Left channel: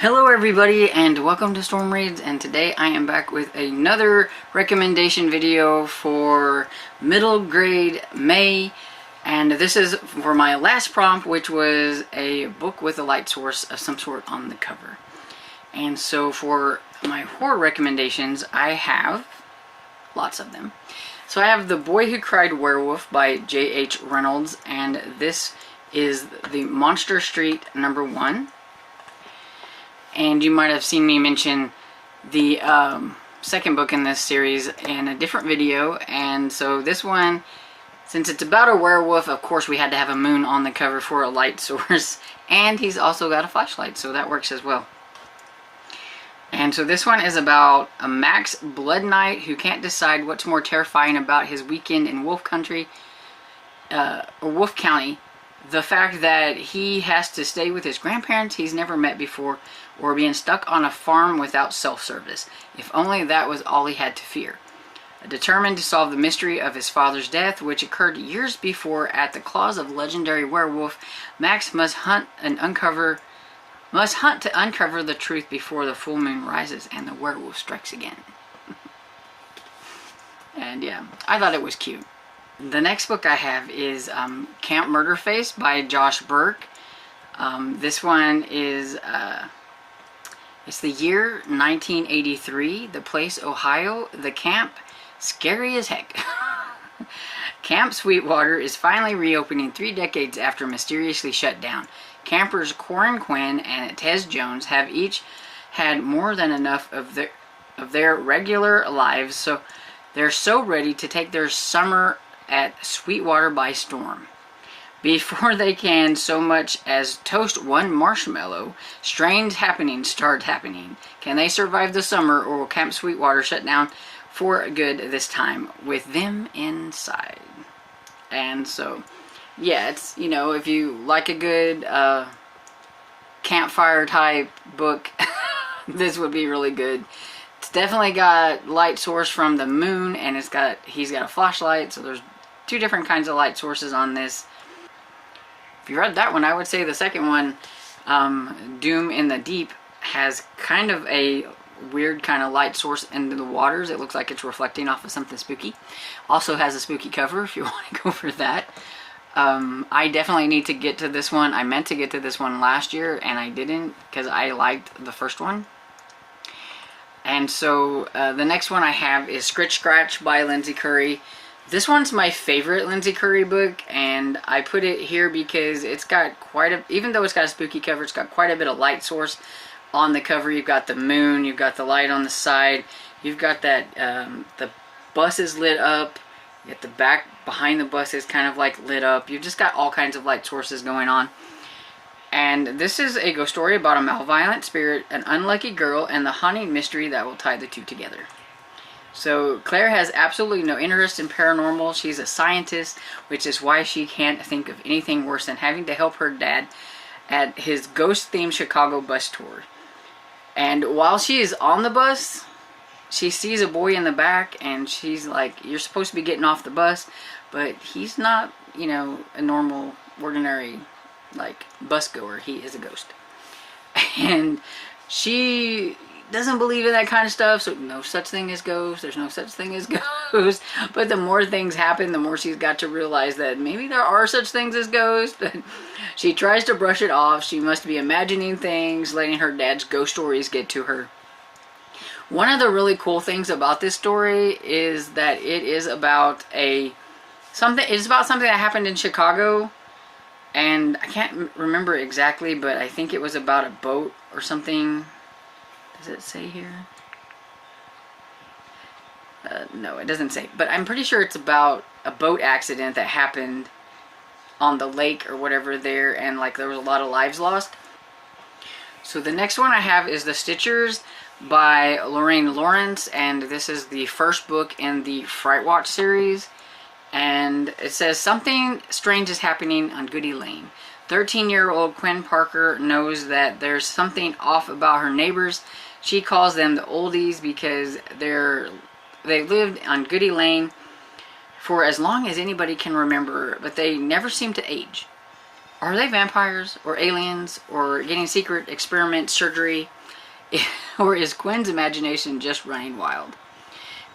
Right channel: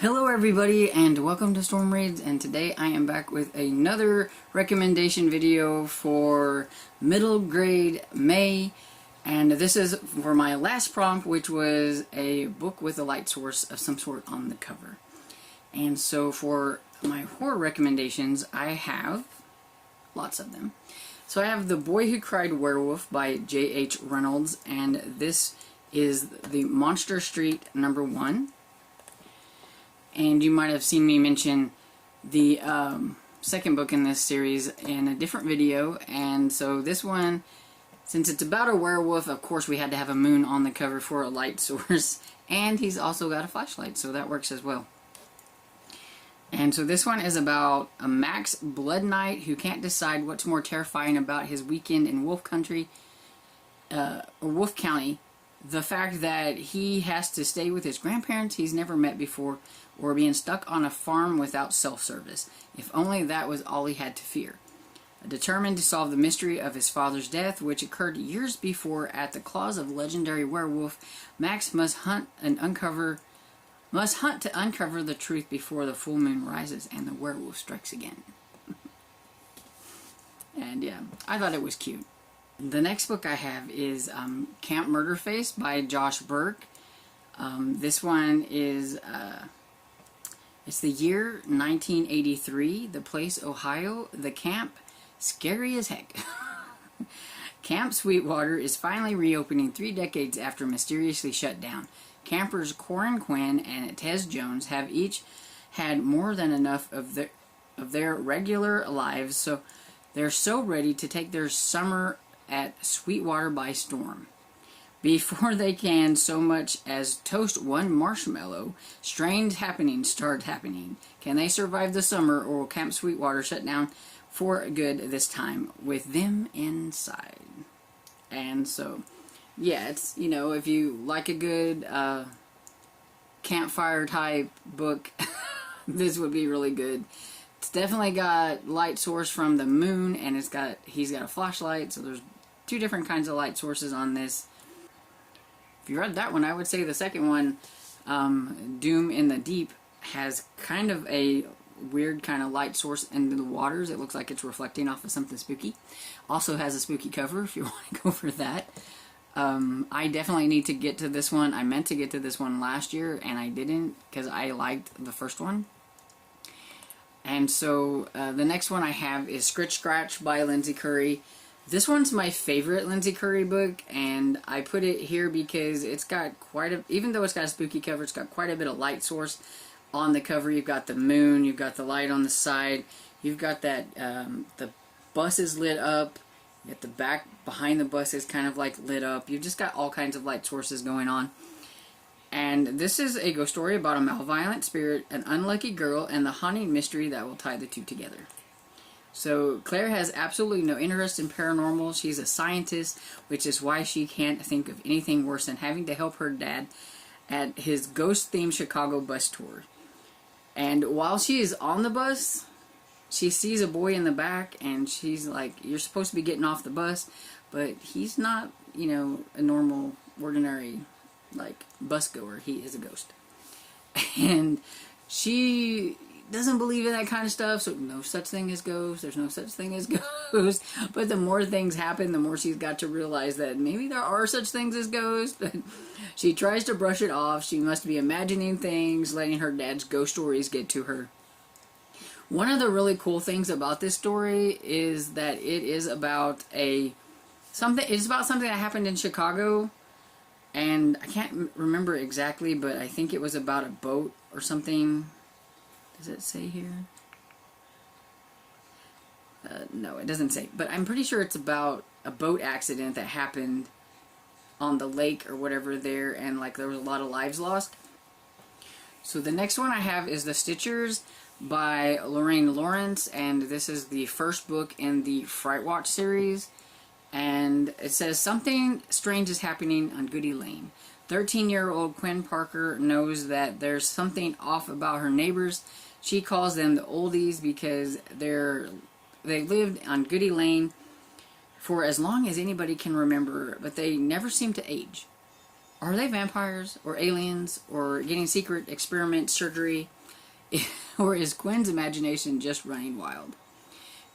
Hello everybody and welcome to Storm Raids, and today I am back with another recommendation video for middle grade May, and this is for my last prompt, which was a book with a light source of some sort on the cover. And so for my horror recommendations, I have lots of them. So I have The Boy Who Cried Werewolf by J.H. Reynolds, and this is the Monster Street #1. And you might have seen me mention the second book in this series in a different video. And so this one, since it's about a werewolf, of course we had to have a moon on the cover for a light source. And he's also got a flashlight, so that works as well. And so this one is about a Max Blood Knight who can't decide what's more terrifying about his weekend in Wolf Country, or Wolf County. The fact that he has to stay with his grandparents he's never met before, or being stuck on a farm without self-service. If only that was all he had to fear. Determined to solve the mystery of his father's death, which occurred years before at the claws of legendary werewolf, Max must hunt to uncover the truth before the full moon rises and the werewolf strikes again. And yeah, I thought it was cute. The next book I have is Camp Murderface by Josh Burke. This one is, it's the year 1983, the place Ohio, the camp, scary as heck. Camp Sweetwater is finally reopening 3 decades after mysteriously shut down. Campers Corin Quinn and Tez Jones have each had more than enough of their regular lives, so they're so ready to take their summer at Sweetwater by storm. Before they can so much as toast one marshmallow, strange happenings start happening. Can they survive the summer, or will Camp Sweetwater shut down for good this time with them inside? And so, yeah, it's, you know, if you like a good campfire type book, this would be really good. It's definitely got light source from the moon, and he's got a flashlight, so there's 2 different kinds of light sources on this. If you read that one, I would say the second one, Doom in the Deep, has kind of a weird kind of light source into the waters. It looks like it's reflecting off of something spooky. Also has a spooky cover if you want to go for that. I definitely need to get to this one. I meant to get to this one last year and I didn't because I liked the first one. And so the next one I have is Scritch Scratch by Lindsay Curry. This one's my favorite Lindsay Curry book, and I put it here because it's got even though it's got a spooky cover, it's got quite a bit of light source on the cover. You've got the moon, you've got the light on the side, you've got that, the bus is lit up, you get the back behind the bus is kind of like lit up. You've just got all kinds of light sources going on. And this is a ghost story about a malevolent spirit, an unlucky girl, and the haunting mystery that will tie the two together. So Claire has absolutely no interest in paranormal. She's a scientist, which is why she can't think of anything worse than having to help her dad at his ghost-themed Chicago bus tour. And while she is on the bus, she sees a boy in the back, and she's like, you're supposed to be getting off the bus, but he's not, you know, a normal, ordinary, like, bus goer. He is a ghost. And she doesn't believe in that kind of stuff, so no such thing as ghosts, there's no such thing as ghosts. But the more things happen, the more she's got to realize that maybe there are such things as ghosts. But she tries to brush it off. She must be imagining things, letting her dad's ghost stories get to her. One of the really cool things about this story is that it is about something that happened in Chicago, and I can't remember exactly, but I think it was about a boat or something. Does it say here? No, it doesn't say. But I'm pretty sure it's about a boat accident that happened on the lake or whatever there, and like there was a lot of lives lost. So the next one I have is The Stitchers by Lorraine Lawrence, and this is the first book in the Fright Watch series. And it says, something strange is happening on Goody Lane. 13-year-old Quinn Parker knows that there's something off about her neighbors. She calls them the oldies because they lived on Goody Lane for as long as anybody can remember, but they never seem to age. are they vampires or aliens or getting secret experiment surgery? Or is Quinn's imagination just running wild?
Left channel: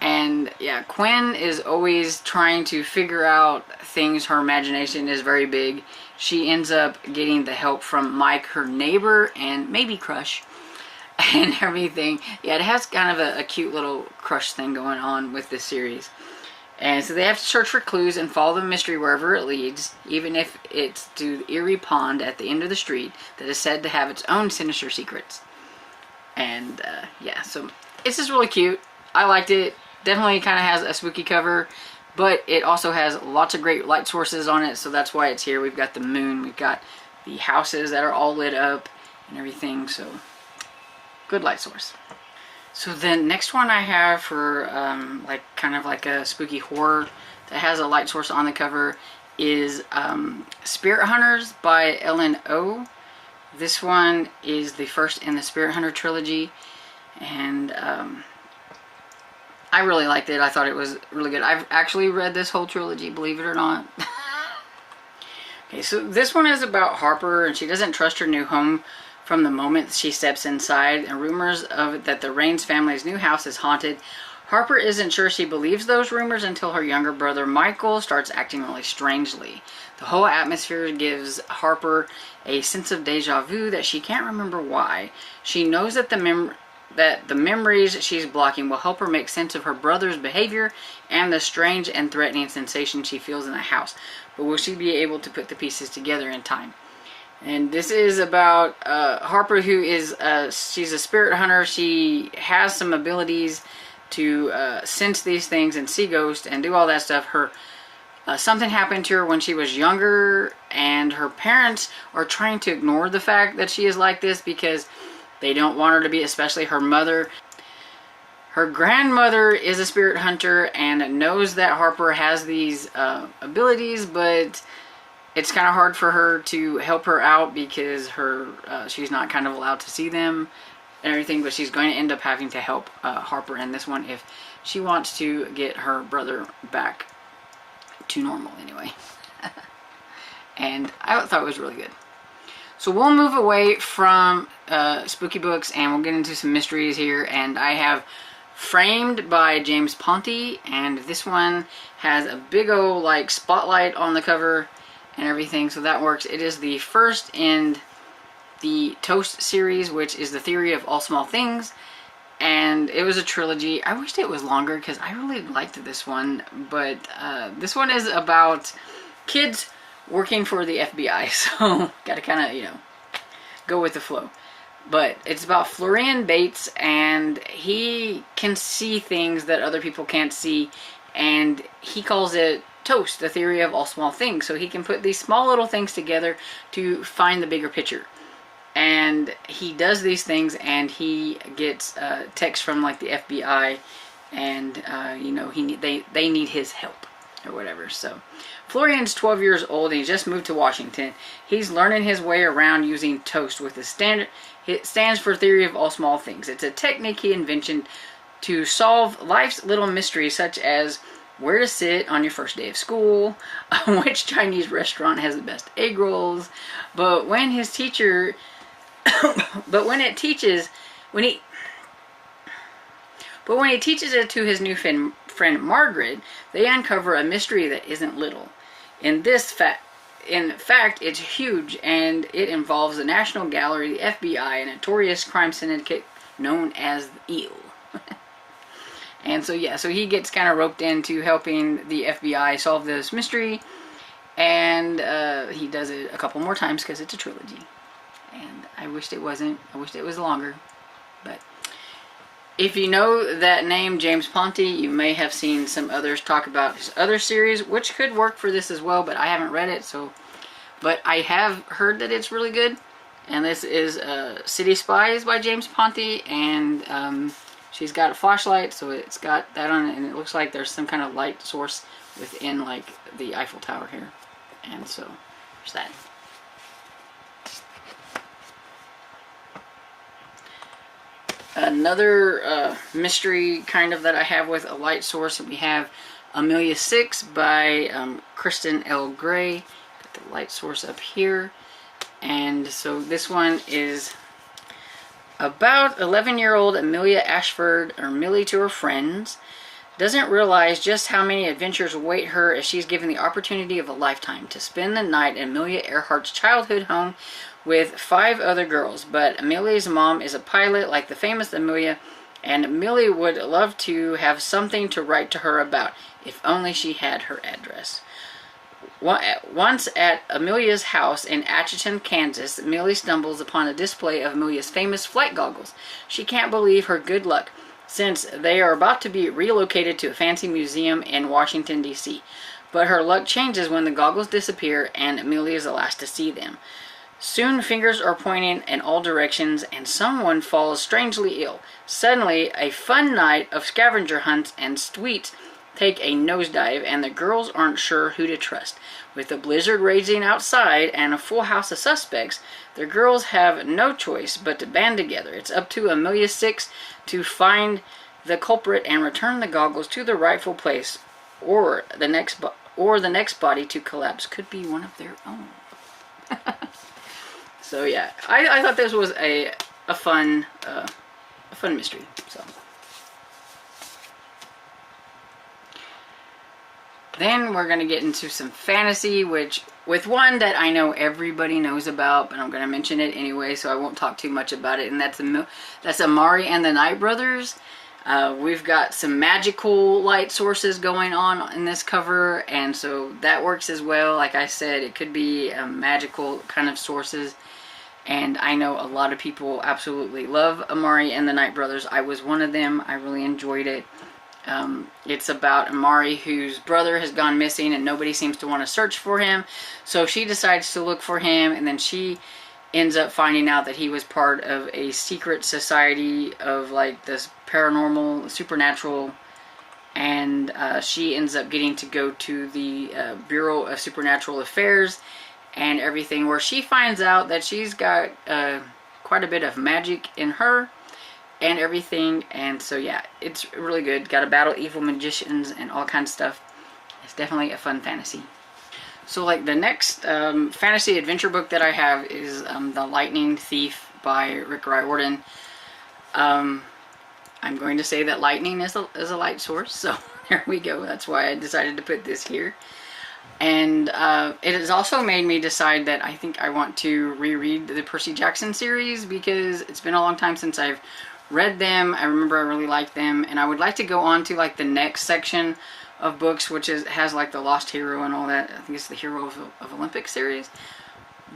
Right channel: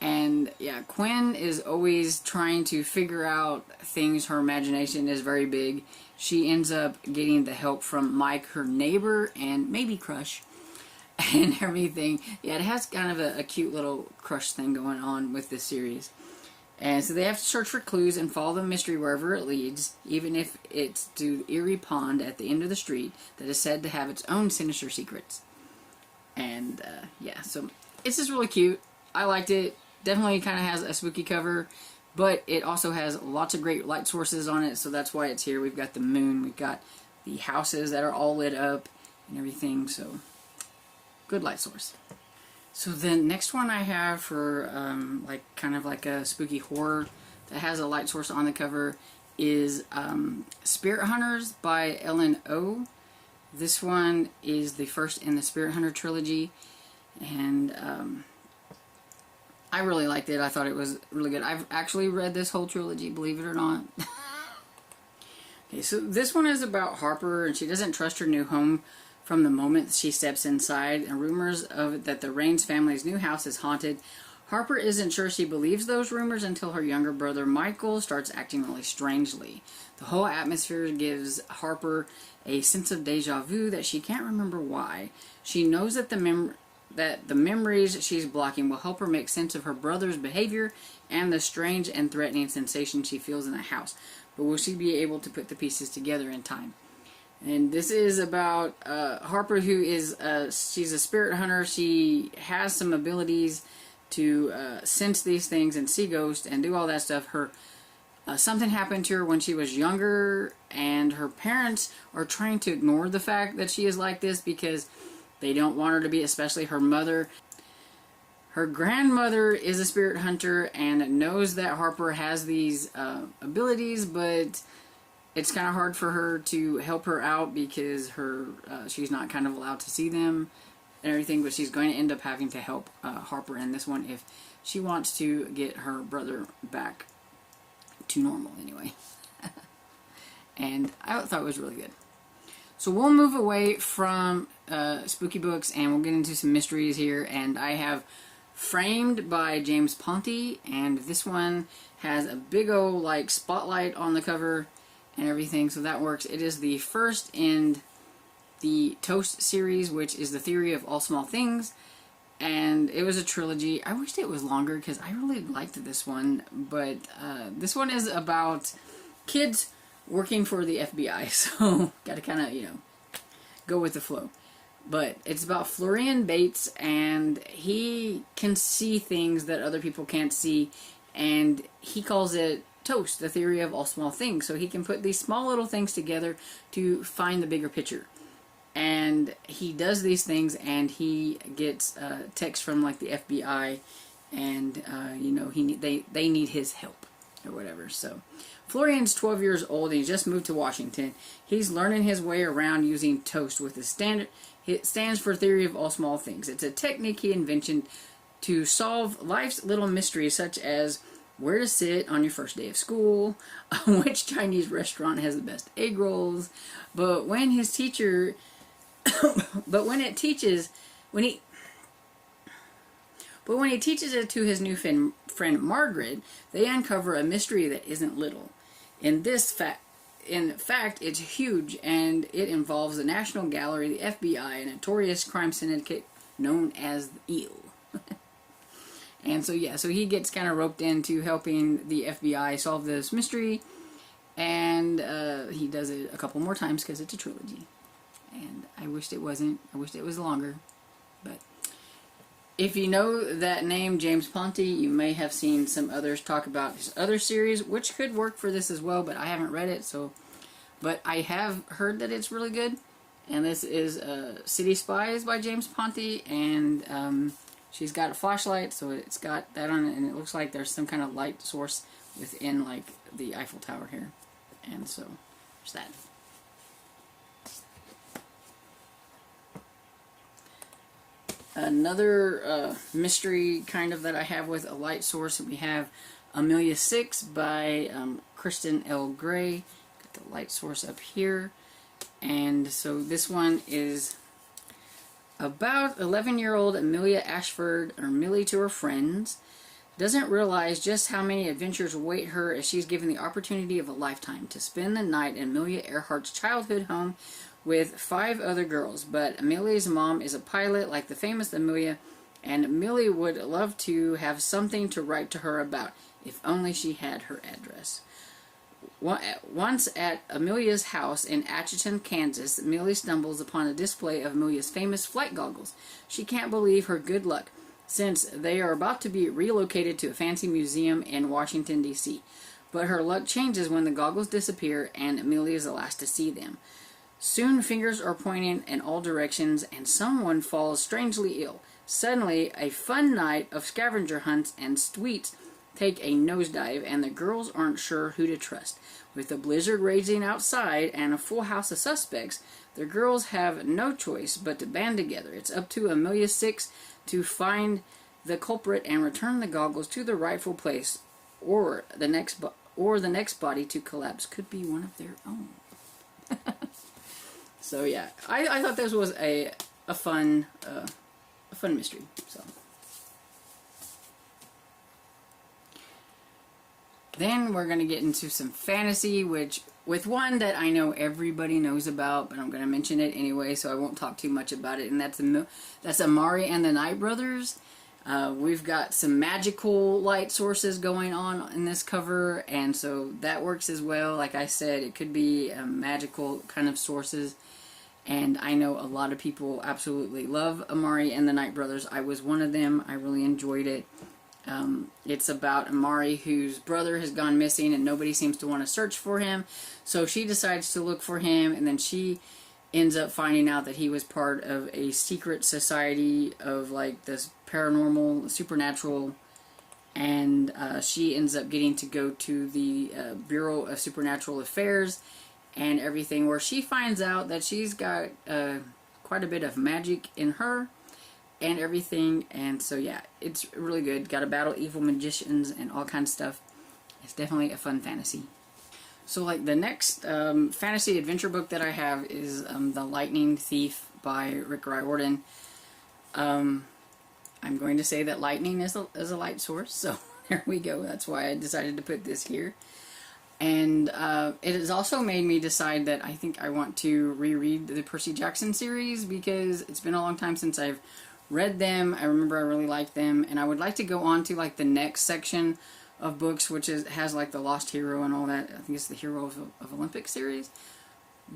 And yeah, Quinn is always trying to figure out things. Her imagination is very big. She ends up getting the help from Mike, her neighbor, and maybe crush, and everything. Yeah, it has kind of a cute little crush thing going on with this series. And so they have to search for clues and follow the mystery wherever it leads, even if it's to the eerie pond at the end of the street that is said to have its own sinister secrets. And yeah, so it's just really cute. I liked it. Definitely kind of has a spooky cover, but it also has lots of great light sources on it, so that's why it's here. We've got the moon, we've got the houses that are all lit up and everything, so good light source. So the next one I have for like kind of like a spooky horror that has a light source on the cover is Spirit Hunters by Ellen O. This one is the first in the Spirit Hunter trilogy, and I really liked it. I thought it was really good. I've actually read this whole trilogy, believe it or not. Okay, so this one is about Harper, and she doesn't trust her new home from the moment she steps inside, and rumors of that the Raines family's new house is haunted. Harper isn't sure she believes those rumors until her younger brother Michael starts acting really strangely. The whole atmosphere gives Harper a sense of deja vu that she can't remember why. She knows that the memories she's blocking will help her make sense of her brother's behavior and the strange and threatening sensation she feels in the house. But will she be able to put the pieces together in time? And this is about Harper, who is she's a spirit hunter. She has some abilities to sense these things and see ghosts and do all that stuff. Something happened to her when she was younger, and her parents are trying to ignore the fact that she is like this because they don't want her to be, especially her mother. Her grandmother is a spirit hunter and knows that Harper has these abilities, but it's kind of hard for her to help her out because she's not kind of allowed to see them and everything, but she's going to end up having to help Harper in this one if she wants to get her brother back to normal anyway. And I thought it was really good. So we'll move away from spooky books and we'll get into some mysteries here. And I have Framed by James Ponti, and this one has a big old like spotlight on the cover and everything, so that works. It is the first in the Toast series, which is the theory of all small things, and it was a trilogy. I wished it was longer because I really liked this one, but this one is about kids working for the FBI, so gotta kind of, go with the flow. But it's about Florian Bates, and he can see things that other people can't see, and he calls it Toast, the theory of all small things. So he can put these small little things together to find the bigger picture. And he does these things, and he gets texts from like the FBI, and they need his help or whatever. So Florian's 12 years old, and he just moved to Washington. He's learning his way around using Toast with the standard. It stands for theory of all small things. It's a technique he invented to solve life's little mysteries, such as where to sit on your first day of school, which Chinese restaurant has the best egg rolls. But when he teaches it to his new friend Margaret, they uncover a mystery that isn't little. In fact, it's huge, and it involves the National Gallery, the FBI, a notorious crime syndicate known as the Eel. And so he gets kind of roped into helping the FBI solve this mystery, and he does it a couple more times because it's a trilogy. And I wished it wasn't. I wished it was longer. But if you know that name, James Ponti, you may have seen some others talk about his other series, which could work for this as well, but I haven't read it, so. But I have heard that it's really good. And this is City Spies by James Ponti, and she's got a flashlight, so it's got that on it, and it looks like there's some kind of light source within like the Eiffel Tower here. And so there's that. Another mystery kind of that I have with a light source, we have Amelia 6 by Kristen L. Gray. the light source up here. And so this one is about 11-year-old Amelia Ashford, or Millie to her friends, doesn't realize just how many adventures await her as she's given the opportunity of a lifetime to spend the night in Amelia Earhart's childhood home with 5 other girls. But Amelia's mom is a pilot like the famous Amelia, and Millie would love to have something to write to her about, if only she had her address. Once at Amelia's house in Atchison, Kansas, Millie stumbles upon a display of Amelia's famous flight goggles. She can't believe her good luck, since they are about to be relocated to a fancy museum in Washington, D.C. But her luck changes when the goggles disappear and Amelia is the last to see them. Soon fingers are pointing in all directions and someone falls strangely ill. Suddenly, a fun night of scavenger hunts and sweets take a nosedive, and the girls aren't sure who to trust. With a blizzard raging outside and a full house of suspects, the girls have no choice but to band together. It's up to Amelia 6 to find the culprit and return the goggles to the rightful place, or the next body to collapse could be one of their own. So yeah, I thought this was a fun mystery. So. Then we're going to get into some fantasy, with one that I know everybody knows about, but I'm going to mention it anyway, so I won't talk too much about it, and that's Amari and the Night Brothers. We've got some magical light sources going on in this cover, and so that works as well. Like I said, it could be magical kind of sources, and I know a lot of people absolutely love Amari and the Night Brothers. I was one of them. I really enjoyed it. It's about Amari, whose brother has gone missing and nobody seems to want to search for him. So she decides to look for him, and then she ends up finding out that he was part of a secret society of like this paranormal, supernatural, and she ends up getting to go to the Bureau of Supernatural Affairs and everything, where she finds out that she's got quite a bit of magic in her and everything. And so yeah, it's really good. Got to battle evil magicians and all kinds of stuff. It's definitely a fun fantasy. So like the next fantasy adventure book that I have is The Lightning Thief by Rick Riordan. I'm going to say that lightning is a light source, so there we go. That's why I decided to put this here. And it has also made me decide that I think I want to reread the Percy Jackson series, because it's been a long time since I've read them. I remember I really liked them, and I would like to go on to like the next section of books, which has like the Lost Hero and all that. I think it's the Hero of Olympic series,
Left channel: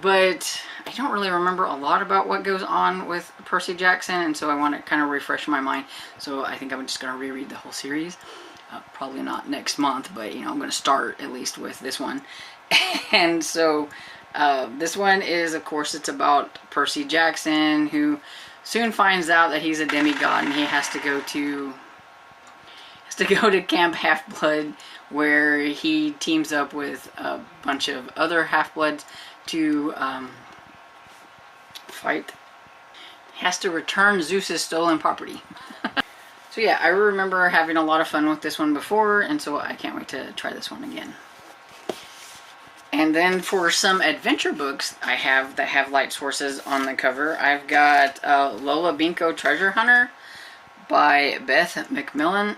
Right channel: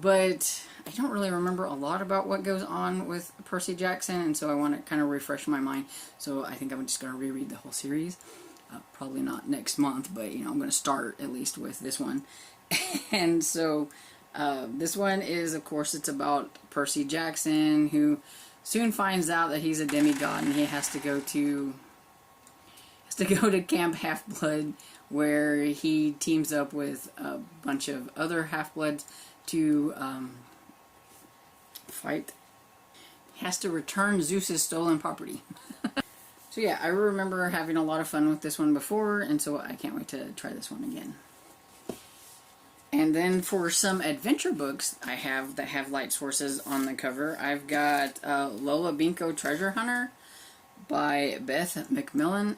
but I don't really remember a lot about what goes on with Percy Jackson, and so I want to kind of refresh my mind. So I think I'm just going to reread the whole series. Probably not next month, but you know, I'm going to start at least with this one. And so this one is, of course, it's about Percy Jackson, who soon finds out that he's a demigod, and he has to go to Camp Half-Blood, where he teams up with a bunch of other Half-Bloods to fight. He has to return Zeus's stolen property. So yeah, I remember having a lot of fun with this one before, and so I can't wait to try this one again. And then for some adventure books I have that have light sources on the cover, I've got Lola Binko Treasure Hunter by Beth McMullen,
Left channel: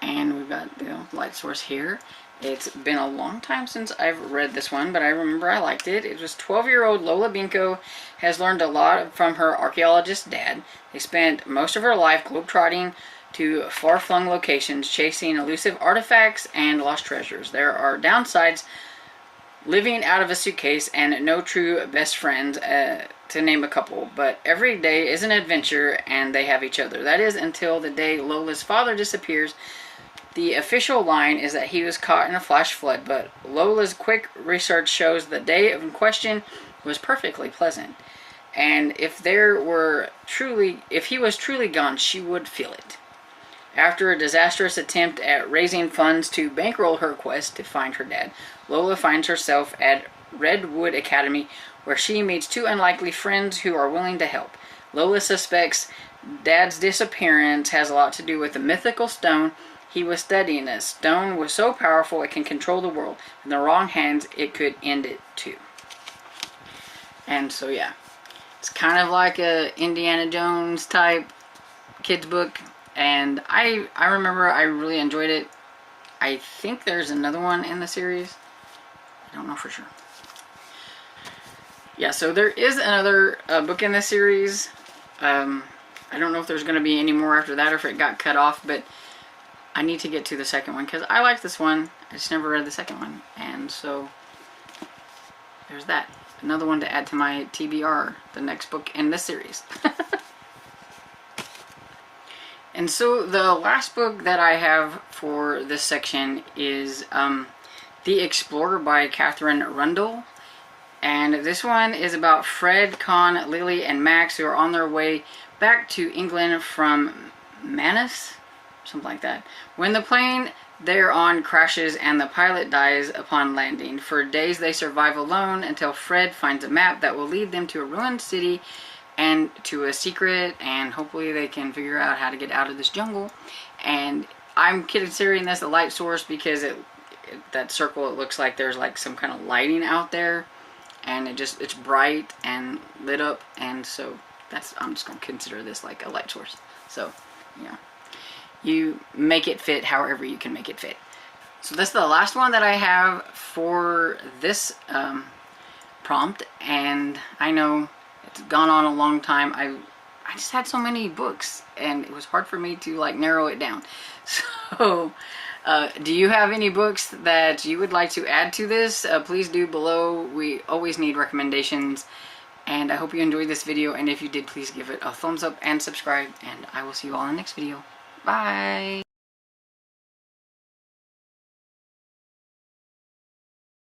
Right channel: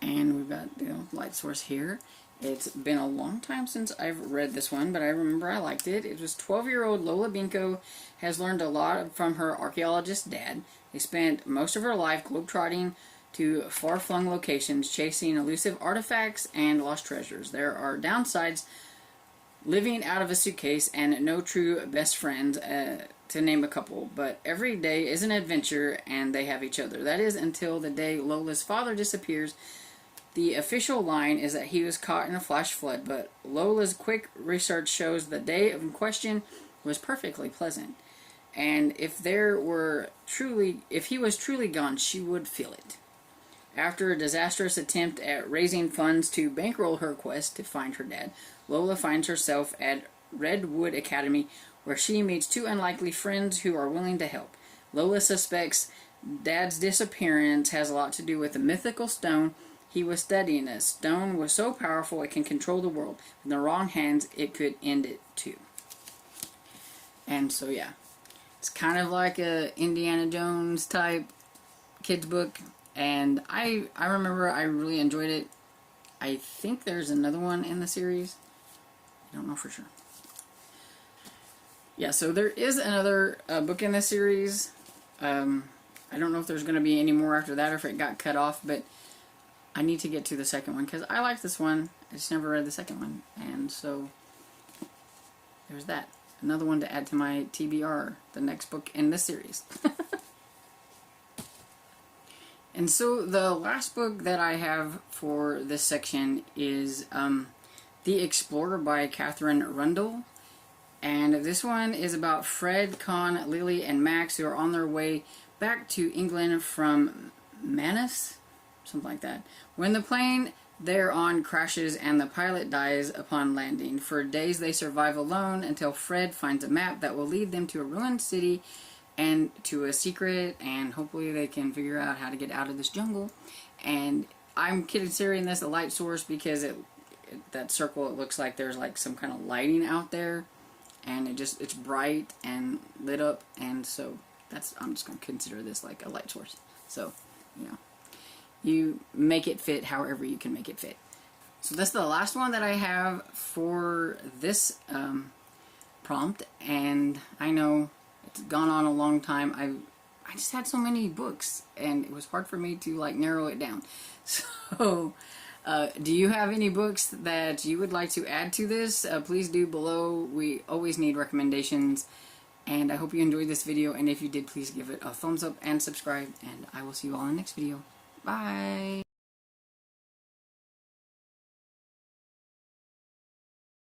and we've got the light source here. It's been a long time since I've read this one, but I remember I liked it. It was 12-year-old Lola Binko has learned a lot from her archaeologist dad. They spent most of her life globetrotting to far-flung locations, chasing elusive artifacts and lost treasures. There are downsides living out of a suitcase and no true best friends, to name a couple, but every day is an adventure and they have each other. That is until the day Lola's father disappears. The official line is that he was caught in a flash flood, but Lola's quick research shows the day in question was perfectly pleasant. And if he was truly gone, she would feel it. After a disastrous attempt at raising funds to bankroll her quest to find her dad, Lola finds herself at Redwood Academy, where she meets 2 unlikely friends who are willing to help. Lola suspects Dad's disappearance has a lot to do with the mythical stone He was studying a stone was so powerful it can control the world. In the wrong hands, it could end it too. And so yeah, it's kind of like a Indiana Jones type kids book. And I remember I really enjoyed it. I think there's another one in the series. I don't know for sure. Yeah, so there is another book in this series. I don't know if there's going to be any more after that or if it got cut off, but I need to get to the second one because I like this one. I just never read the second one. And so there's that. Another one to add to my TBR, the next book in this series. And so the last book that I have for this section is The Explorer by Catherine Rundle. And this one is about Fred, Con, Lily, and Max, who are on their way back to England from Manus, something like that, when the plane they're on crashes and the pilot dies upon landing. For days they survive alone until Fred finds a map that will lead them to a ruined city and to a secret, and hopefully they can figure out how to get out of this jungle. And I'm considering this a light source because that circle, it looks like there's like some kind of lighting out there, and it's bright and lit up, and so I'm just going to consider this like a light source. So yeah, you make it fit however you can make it fit. So this is the last one that I have for this prompt, and I know it's gone on a long time. I just had so many books, and it was hard for me to like narrow it down. So do you have any books that you would like to add to this? Please do below. We always need recommendations. And I hope you enjoyed this video, and if you did, please give it a thumbs up and subscribe, and I will see you all in the next video. Bye!